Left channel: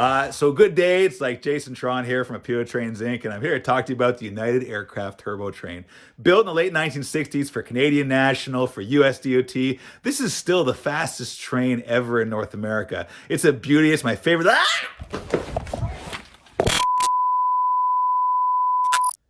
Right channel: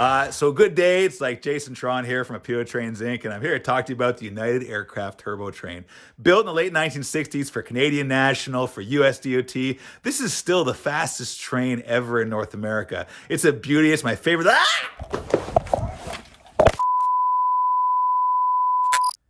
So good day. It's like Jason Tron here from Rapido Trains Inc. And I'm here to talk to you about the United Aircraft Turbo Train. Built in the late 1960s for Canadian National, for US DOT, this is still the fastest train ever in North America. It's a beauty. It's my favorite.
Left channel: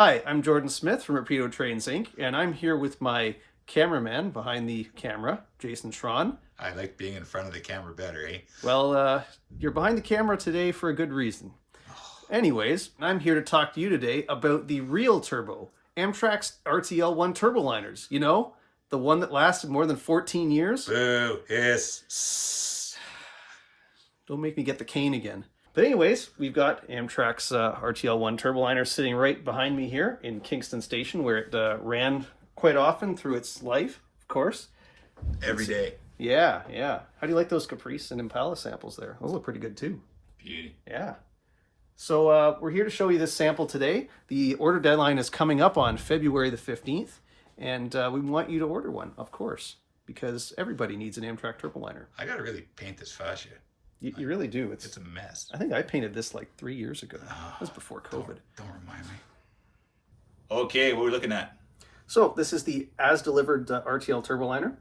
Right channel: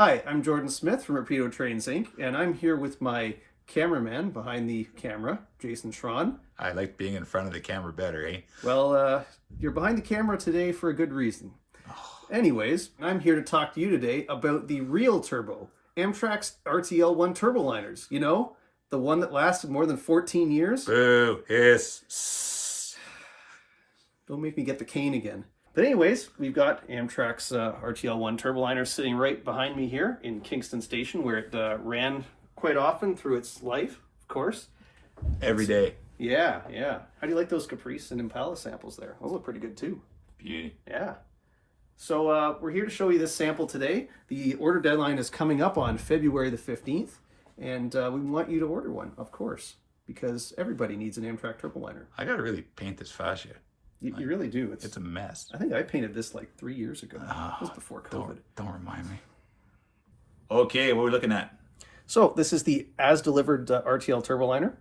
Hi, I'm Jordan Smith from Rapido Trains Inc. and I'm here with my cameraman behind the camera, Jason Tron. I like being in front of the camera better, eh? Well, you're behind the camera today for a good reason. Anyways, I'm here to talk to you today about the real turbo, Amtrak's RTL1 turboliners. You know, the one that lasted more than 14 years? Boo, hiss. Don't make me get the cane again. But anyways, we've got Amtrak's RTL1 turboliner sitting right behind me here in Kingston Station, where it ran quite often through its life, of course. Every day. Yeah. How do you like those Caprice and Impala samples there? Those look pretty good too. Beauty. Yeah. So we're here to show you this sample today. The order deadline is coming up on February the 15th, and we want you to order one, of course, because everybody needs an Amtrak turboliner. I gotta really paint this fascia. You really do. It's a mess. I think I painted this like 3 years ago. It was before COVID. Don't remind me. Okay, what are we looking at? So this is the as-delivered RTL turboliner.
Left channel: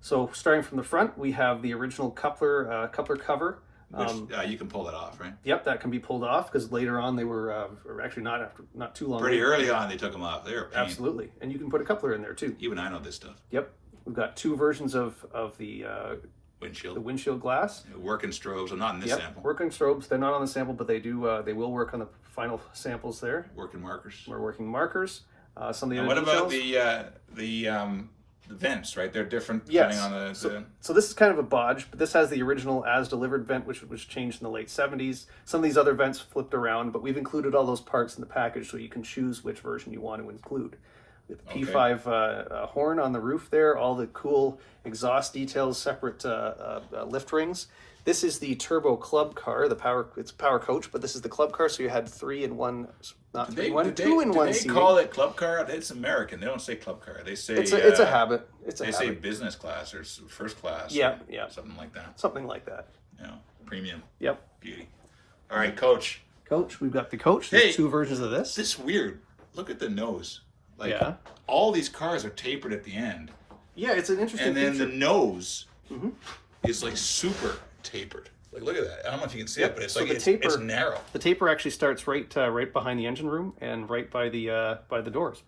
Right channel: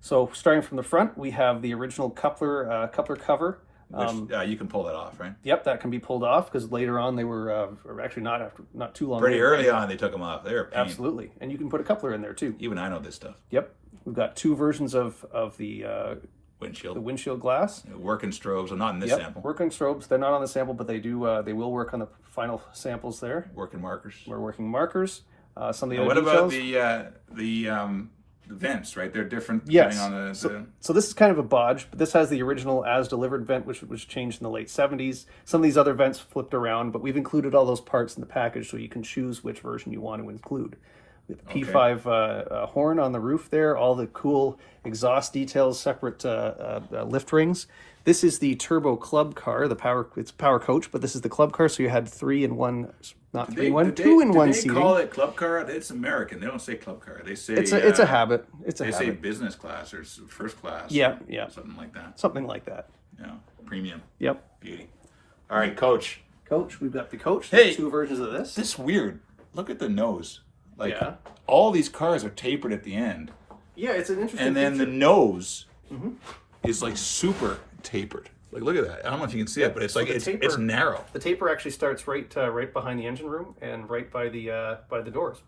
So starting from the front, we have the original coupler cover. Which you can pull that off, right? Yep, that can be pulled off because later on they were actually not too long. Pretty early on they took them off. They were a pain. Absolutely, and you can put a coupler in there too. Even I know this stuff. Yep, we've got two versions of the windshield glass. Working strobes, well, not in this sample. Working strobes, they're not on the sample, but they do. They will work on the final samples there. Working markers. We're working markers. Some of the other what about details. the vents? Right, they're different depending on the. So this is kind of a bodge, but this has the original as-delivered vent, which was changed in the late 70s. Some of these other vents flipped around, but we've included all those parts in the package so you can choose which version you want to include. With the P5 horn on the roof there, all the cool exhaust details, separate lift rings. This is the turbo club car, it's power coach, but this is the club car, so you had 2 in 1 seating. They call it club car? It's American. They don't say club car. They say it's a habit. They say business class or first class. Yeah, something like that. Something like that. Yeah, premium. Yep. Beauty. All right, coach. Coach, we've got the coach. Hey, there's 2 versions of this. This is weird. Look at the nose. All these cars are tapered at the end. Yeah, it's an interesting And then feature. the nose is like super tapered. Like, look at that. I don't know if you can see it, but it's like it's narrow. The taper actually starts right behind the engine room and right by the doors.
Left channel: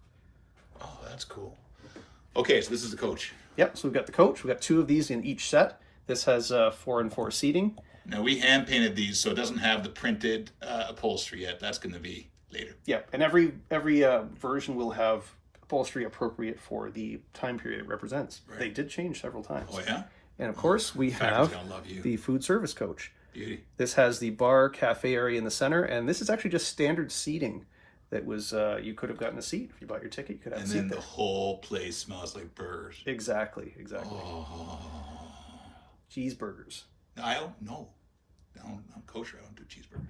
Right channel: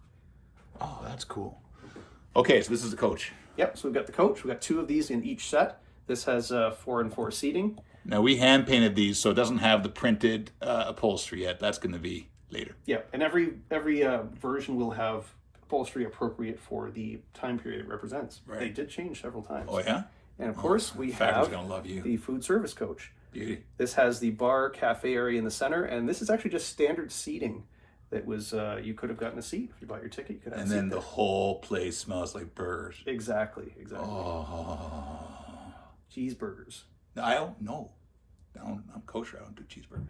Oh, that's cool. Okay, so this is the coach. Yep. So we've got the coach. We've got 2 of these in each set. This has 4 and 4 seating. Now we hand painted these, so it doesn't have the printed upholstery yet. That's going to be later. Yeah, and every version will have upholstery appropriate for the time period it represents. Right. They did change several times. Oh yeah. And of course, we have the food service coach. Beauty. This has the bar cafe area in the center, and this is actually just standard seating. That was you could have gotten a seat if you bought your ticket. You could have and a seat then there. The whole place smells like burgers. Exactly. Oh. Cheeseburgers. No, I don't know. I'm kosher. I don't do cheeseburgers.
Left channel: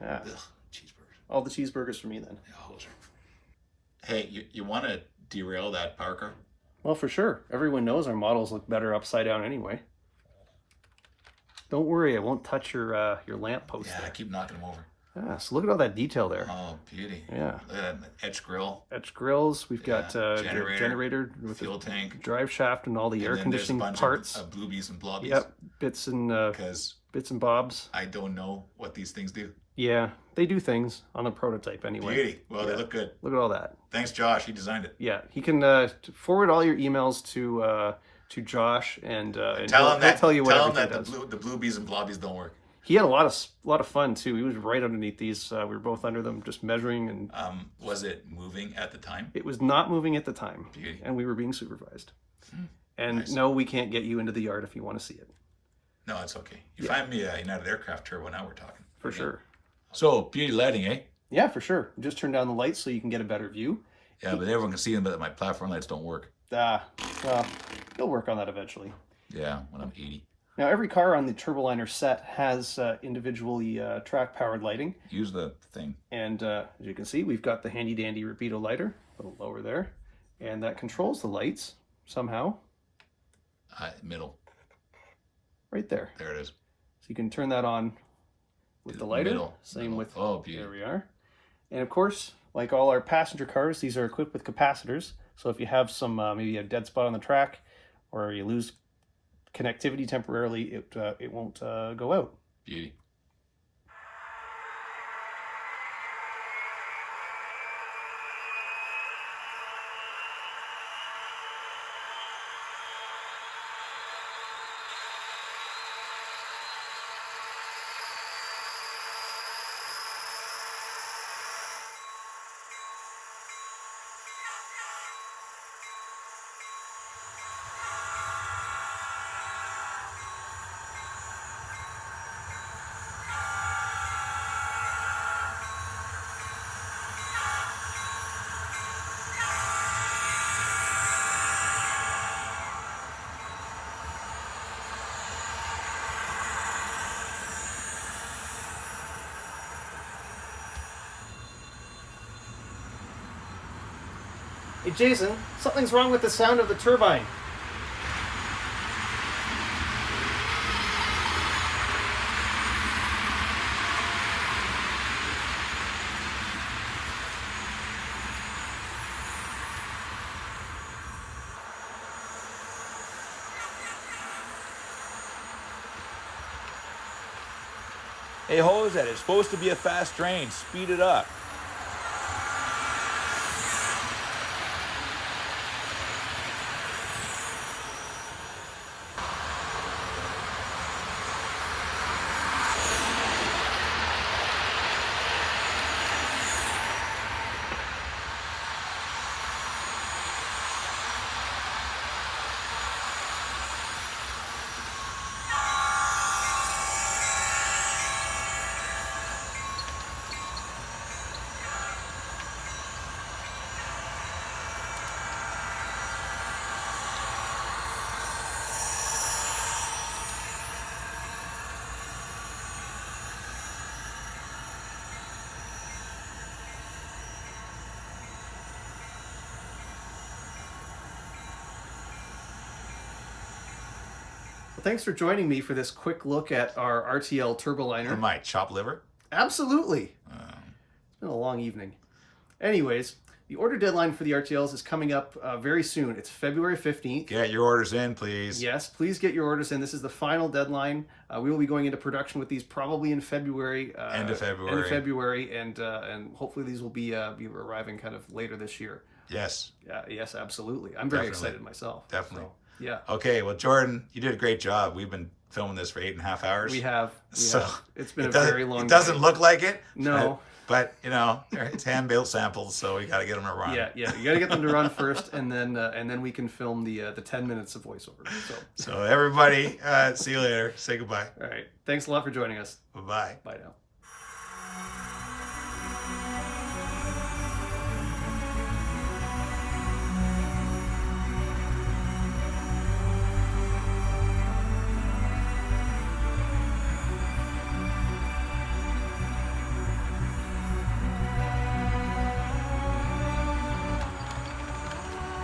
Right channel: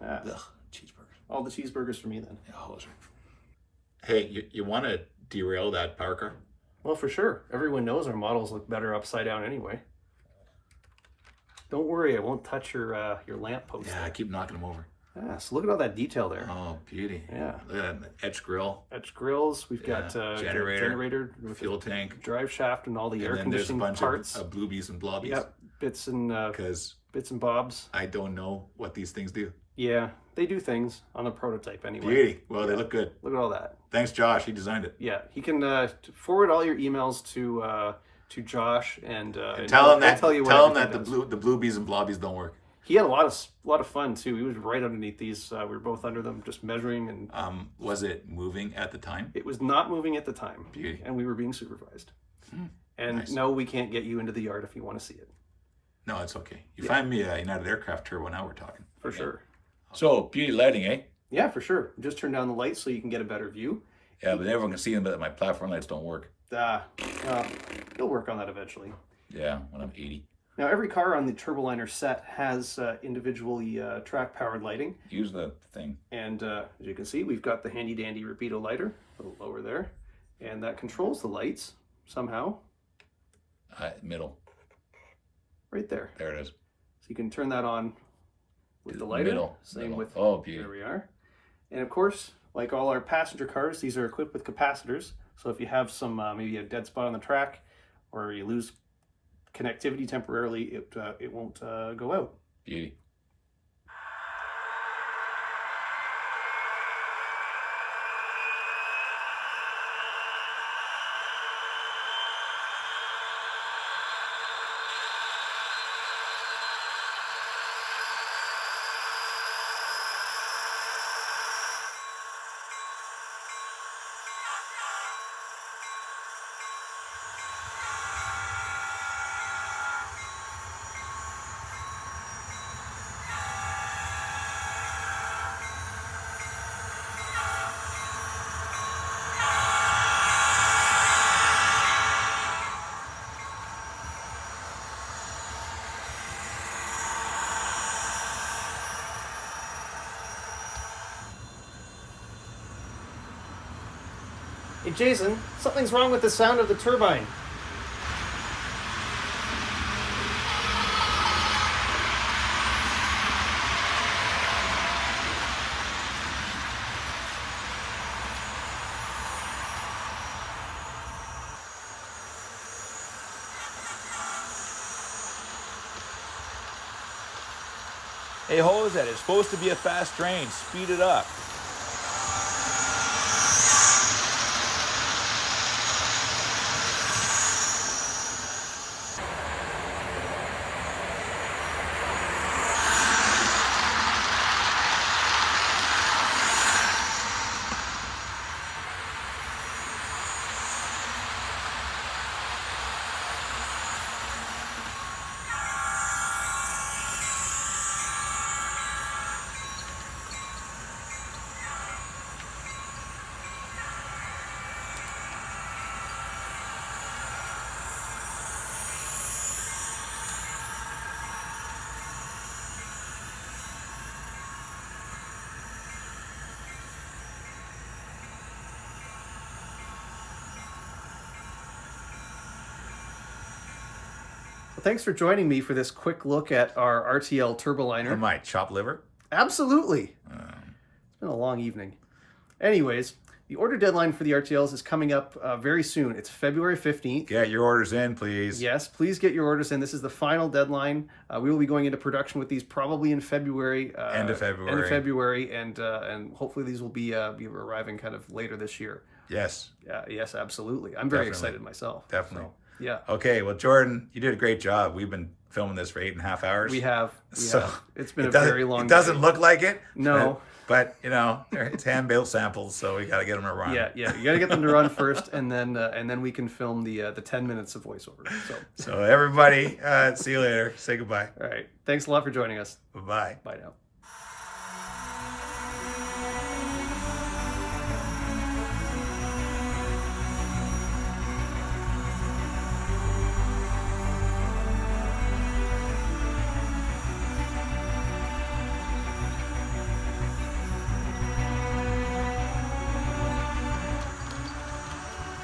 Yeah. Ugh, cheeseburgers. All the cheeseburgers for me then. Yeah, those are. Hey, you want to derail that power car? Well, for sure. Everyone knows our models look better upside down anyway. Don't worry, I won't touch your lamp post. Yeah, I keep knocking them over. Yeah, so look at all that detail there. Oh, beauty. Yeah. Look at that etch grill. Etch grills. We've got generator, fuel tank, drive shaft, and all the air conditioning parts. There's a bunch of bluebies and blobbies. Yep, bits and bobs. I don't know what these things do. Yeah, they do things on the prototype anyway. Beauty. Well, they look good. Look at all that. Thanks, Josh. He designed it. Yeah, he can forward all your emails to Josh and tell him that the bluebies and blobbies don't work. He had a lot of fun too. He was right underneath these. We were both under them, just measuring. And was it moving at the time? It was not moving at the time. Beauty. And we were being supervised. And nice. No, we can't get you into the yard if you want to see it. No, it's okay. You find me a United Aircraft Turbo, now we're talking. For sure. So, beauty lighting, eh? Yeah, for sure. Just turn down the lights so you can get a better view. Yeah, but everyone can see them, but my platform lights don't work. Well, you'll work on that eventually. Yeah, when I'm 80. Now, every car on the Turboliner set has individually track-powered lighting. Use the thing. And as you can see, we've got the handy-dandy Rapido lighter, a little lower there. And that controls the lights somehow. Middle. Right there. There it is. So you can turn that on with the lighter. Middle. Same with, oh, beauty. there we are. And of course, like all our passenger cars, these are equipped with capacitors. So if you have some, maybe a dead spot on the track, or you lose connectivity temporarily, it won't go out. Beauty. Hey Jason, something's wrong with the sound of the turbine. Hey, Jose, it's supposed to be a fast train. Speed it up. Thanks for joining me for this quick look at our RTL Turboliner. My chop liver? Absolutely. It's been a long evening. Anyways, the order deadline for the RTLs is coming up very soon. It's February 15th. Get your orders in, please. Yes, please get your orders in. This is the final deadline. We will be going into production with these probably in February. End of February. End of February, and hopefully these will be arriving kind of later this year. Yes. Yes, absolutely. I'm very excited myself. Definitely. So, yeah. Okay, well, Jordan, you did a great job. We've been filming this for 8.5 hours. We have. So it's been a very long It doesn't day. look like it. No. But you know, it's hand-built samples, so we got to get them to run. Yeah. You got to get them to run first, and then we can film the 10 minutes of voiceover. So everybody, see you later. Say goodbye. All right. Thanks a lot for joining us. Bye-bye. Bye now.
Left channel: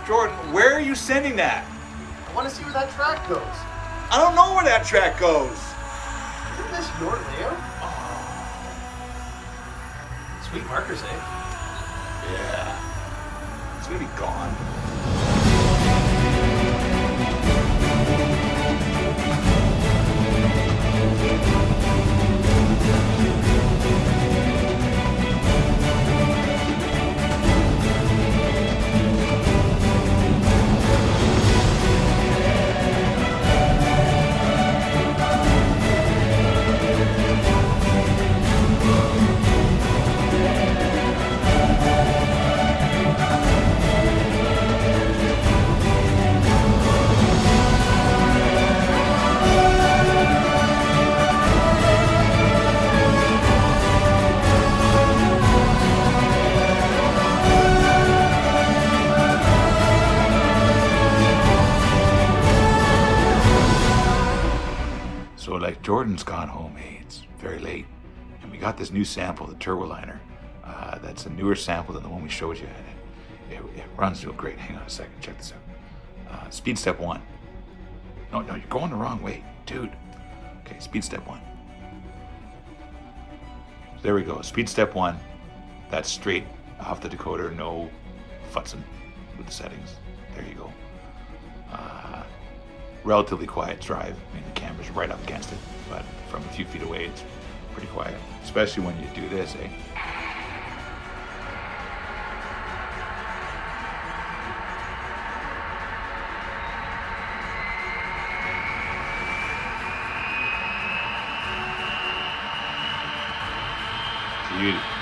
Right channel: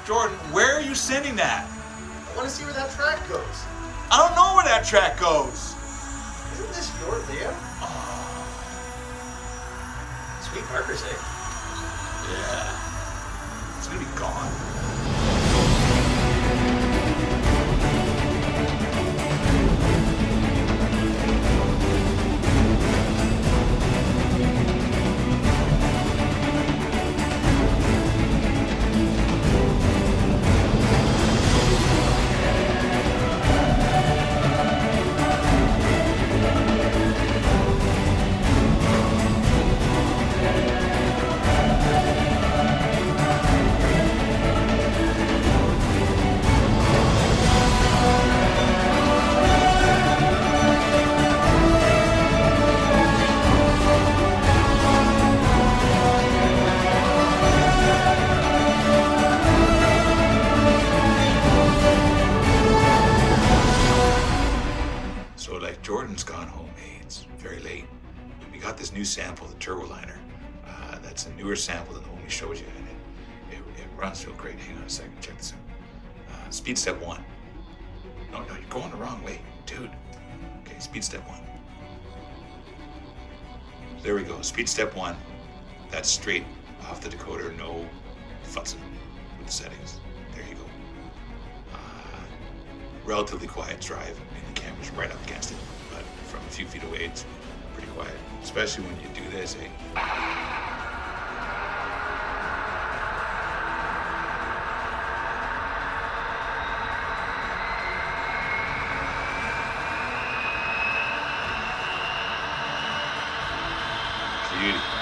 Jordan, where are you sending that? I want to see where that track goes. I don't know where that track goes. Isn't this your layout? Sweet markers, eh? Yeah. It's gonna be gone. Jordan's gone home. Hey, it's very late. And we got this new sample, the Turboliner. That's a newer sample than the one we showed you. It runs real great. Hang on a second, check this out. Speed step 1. No, you're going the wrong way, dude. Okay, speed step 1. There we go. Speed step 1. That's straight off the decoder. No futzing with the settings. There you go. Relatively quiet drive. I mean, the camera's right up against it, but from a few feet away, it's pretty quiet. Especially when you do this, eh? Beauty.